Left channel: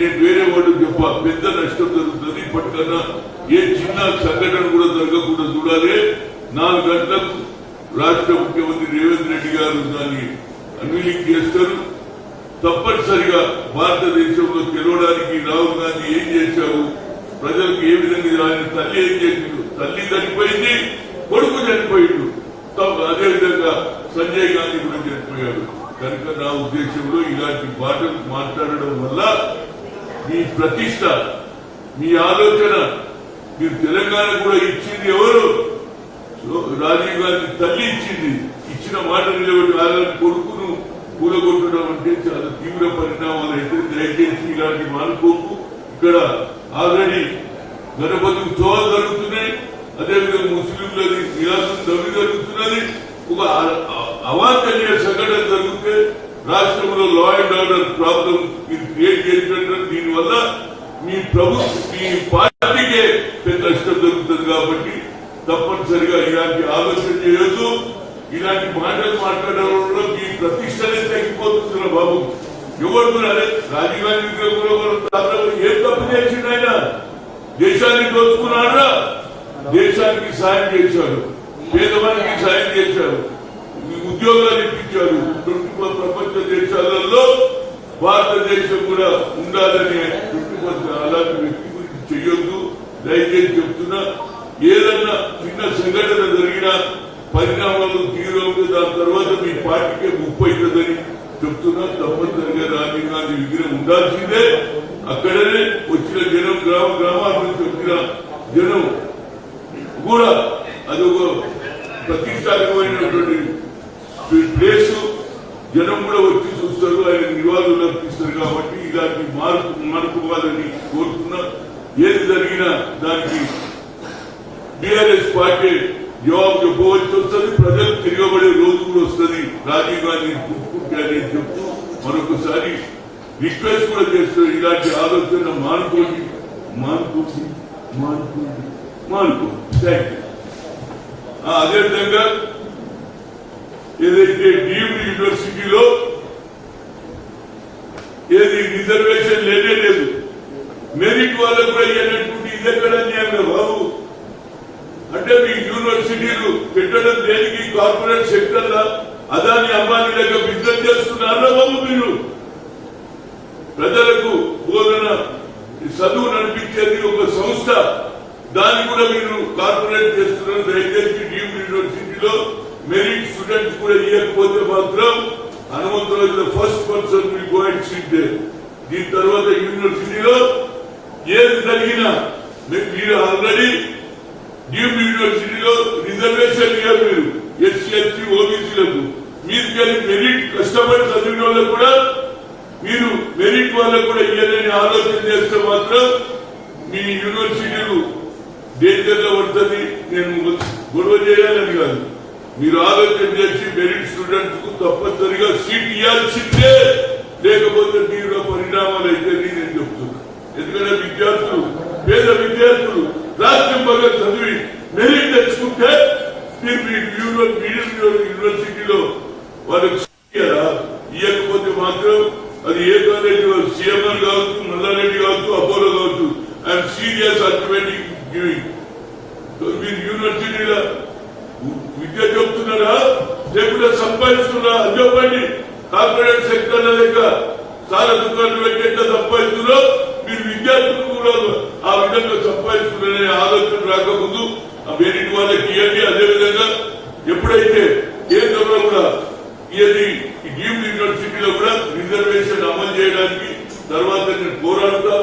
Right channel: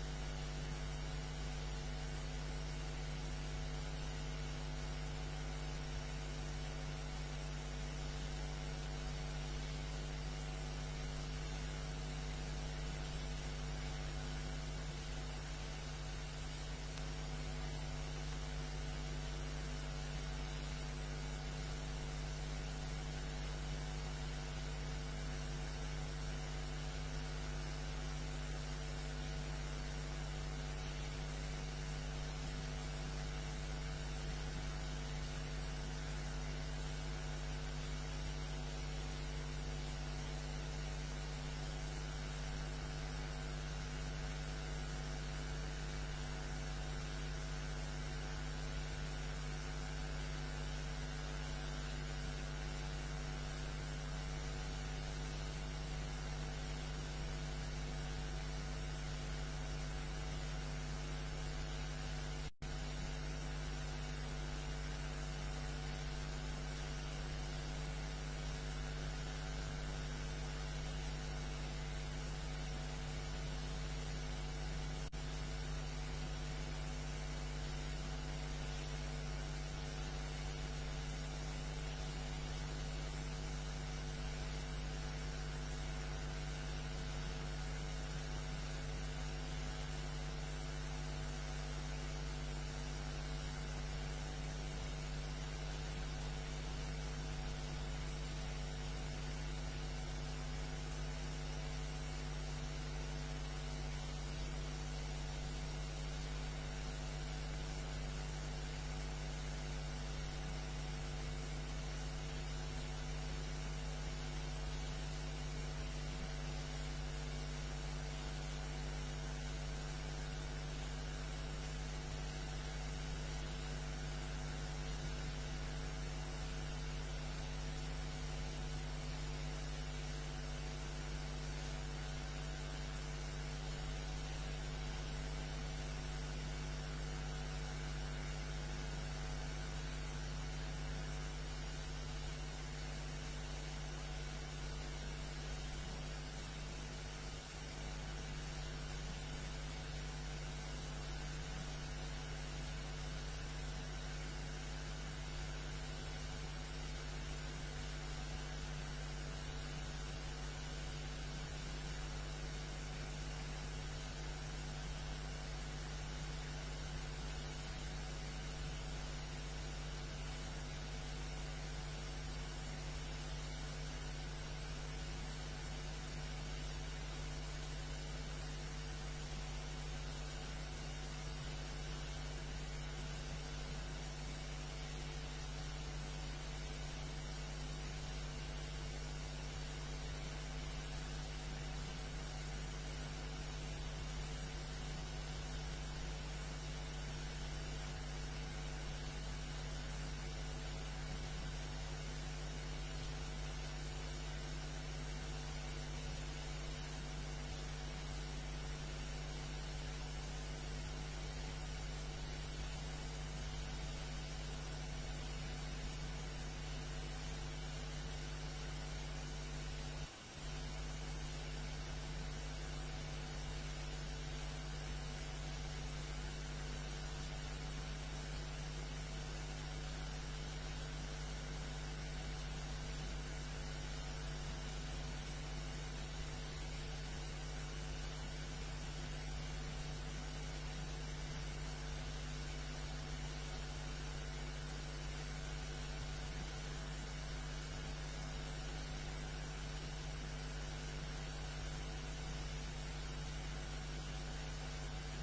నేను వేరే వాడు చెప్ప పెద్ద నష్టం జరుగుతుంది. ఇప్పటికన్నా ఏ చిన్న సంఘటన కూడా జరగకుండా చూడాలి. 4 గంటలకు రాష్ట్ర ముఖ్యమంత్రి రేవంత్ రెడ్డి గారు దాన్ని అన్వీలింగ్ చేస్తారు. తప్పనిసరిగా భారతదేశంలో గెలవడానికి రాహుల్ గాంధీ ఏం చేశావు, ప్రజలకు ఏ విధంగా ఆయన తల్లి ఏం చేసిండు, తల్లి చనిపోయింది, కొడుకు చనిపోయిండు, అదేవిధంగా సంజయ్ గాంధీ కూడా చనిపోయాడు. కనుక నా ఉద్దేశంలో ఇలాంటి మాటలు మాట్లాడడం వల్ల మీ ప్రతిష్ట, మీ ఆలోచన, మీరు తెలంగాణ కూడా ఇచ్చింది ఎవరు, రాజీవ్ గాంధీ తల్లి ఇచ్చింది. ఇచ్చిన మాట నిలబెట్టి ఆయన కొడుకును కూలగొట్టడం అంటే చాలా తీవ్ర పరిణామాలు అయితే దయచేసి ఇలాంటి మానుకోకు. ఇక్కడ ఆల్రెడీ గణపతి ఉత్సవాలు జరుగుతున్నాయి, అదేవిధంగా ముస్లింలది నిరాశం దవి జరుగుతున్నది. ఒక అవాంఛనీయ సంఘటన జరిగితే రాష్ట్రంలో లా అండ్ ఆర్డర్ ప్రాబ్లం మీరు క్రియేట్ చేసినట్టు దీనివల్ల మీ పార్టీకే పెద్ద నష్టం జరుగుతుంది. కాబట్టి తప్పనిసరిగా ఇలాంటి ఆలోచన చేయొద్దు. ఇలాంటి మాటలు మాట్లాడడంలో మీ ప్రతిష్టనే తగ్గిపోతుంది. బాబు ఎవరు అదే రాజీవ్ గాంధీ ఏం తప్పు చేసిండు, ఆయన దేశాన్ని దోచుకున్నాడా, దేశానికి సాయం చేశాడు, పేదవానికి సాయం చేశాడు, ఉద్యోగాలు ఇప్పించాడు. ప్రపంచ దేశాలలో భారతదేశం కూడా ఉండాలని అలాంటి వ్యక్తి గురించి చెయ్యొద్దు. దయచేసి చెప్తున్నా, ఏదన్నా చిన్న సంఘటన జరిగినా పరిణామాలు తీవ్రంగా దాని తర్వాత మీ పార్టీకే ముప్పు అవుతుందని చెప్తున్నా. తప్పనిసరిగా రాజీవ్ గాంధీ విగ్రహం ఉండాల్సిందే. అక్కడనే వచ్చిన జనం, గ్రామాల నుంచి వచ్చిన జనం కూడా అదొక ప్రతిష్టాత్మకమైనటువంటి ప్లేస్. జనం కూడా వచ్చి చూస్తారు, ఆయన నివాళులు అర్పిస్తారు. కాబట్టి ఇలాంటి మార్పుకోవాలని కోరుతున్నా. ఏది జరిగినా దానికి టీఆర్ఎస్ పార్టీ జవాబు చెప్పవలసి వస్తుంది. ప్రజలు తిరగబడే రోజు కూడా వస్తుంది. రాజీవ్ గాంధీ అని చెప్తూ మరొకసారి రిక్వెస్ట్ కూడా చేస్తారు, ఇలాంటి ఆలోచన మానుకోండి. Thank you. అదేవిధంగా ఏదైతే డీమ్డ్ యూనివర్సిటీలో ఏది రిజర్వేషన్ లేనే లేదు, మెరిట్ వాళ్ళకు కూడా ఇవ్వనటువంటి ఇది ఎక్కడ న్యాయంగా బాబు? అంటే మీ యూనివర్సిటీలు పెట్టడం దేనికి? కార్పొరేట్ సెక్టర్ లా అదాని అంబానీ దగ్గర బిజినెస్ చేస్తున్నారా బాబు? మీరు ప్రజలకు బోధన చదువు నడిపించేది ఒక సంస్థ, దాన్ని కూడా మీరు కార్పొరేట్ చేస్తున్నారు. దయచేసి డీమ్డ్ యూనివర్సిటీలో మెరిట్ స్టూడెంట్స్ కూడా ఇవ్వకపోతే మాత్రం Hanumantharao first person will go and sit there. దీని తర్వాత యూనివర్సిటీలో ఏది జరిగినా మీరు ఆల్రెడీ డీమ్డ్ యూనివర్సిటీలో రిజర్వేషన్ ఇవ్వరు. మీరు ఎస్సీ ఎస్టీ ఓబీసీలకు మీరుకెళ్ళి మెరిట్ కష్టపడి చదివిన వాళ్ళకు కూడా మీరు మెరిట్ వాళ్ళకు కూడా ఇవ్వాలని ఆలోచన చేస్తే మాత్రం మీ యూనివర్సిటీలు డేంజర్ లో పడుతుంది. నేను గొడవ చేయాలని కాదు, మీరు ఆలోచన చేసి మెరిట్ స్టూడెంట్స్ కు తప్పనిసరిగా సీట్ ఇవ్వాల్సిందే, లేకపోతే తీవ్ర పరిణామాలు అయితే నేను చెప్తున్నా. ఎందుకంటే విద్యార్థులు, పేద విద్యార్థులు రాష్ట్రంగా చదివి మెరిట్ తెచ్చుకుంటే మీరు యూనివర్సిటీలో వాళ్ళకి ఇవ్వకపోతే మాత్రం అది ఏ కాలేజీ సీఎంఆర్ కావచ్చు, మల్లారెడ్డి కావచ్చు, అపోలో కావచ్చు, ఐఎమ్ సీరియస్ అల్టిమేటివ్ గివింగ్. మీరు యూనివర్సిటీలో విద్య చెప్తున్నారా లేకపోతే సంపాదిస్తున్నారా అని చెప్పండి. కార్పొరేట్ సెక్టర్ లేక చాలా దుకాణాలు పెట్టేట సంపాదిస్తున్నారో మీరు విద్యార్థులు కూడా ఆ విధంగా సంపాదిస్తున్నారనే ఆలోచన రాకముందు ఆ మెరిట్ వాళ్ళకి ఇవ్వండి. అదేవిధంగా ఎప్పుడైతే కేంద్రంలో కూడా ఇది డీమ్డ్ యూనివర్సిటీలో కూడా రిజర్వేషన్ అమలు చేయడానికి తర్వాత నేను పోరాడుతా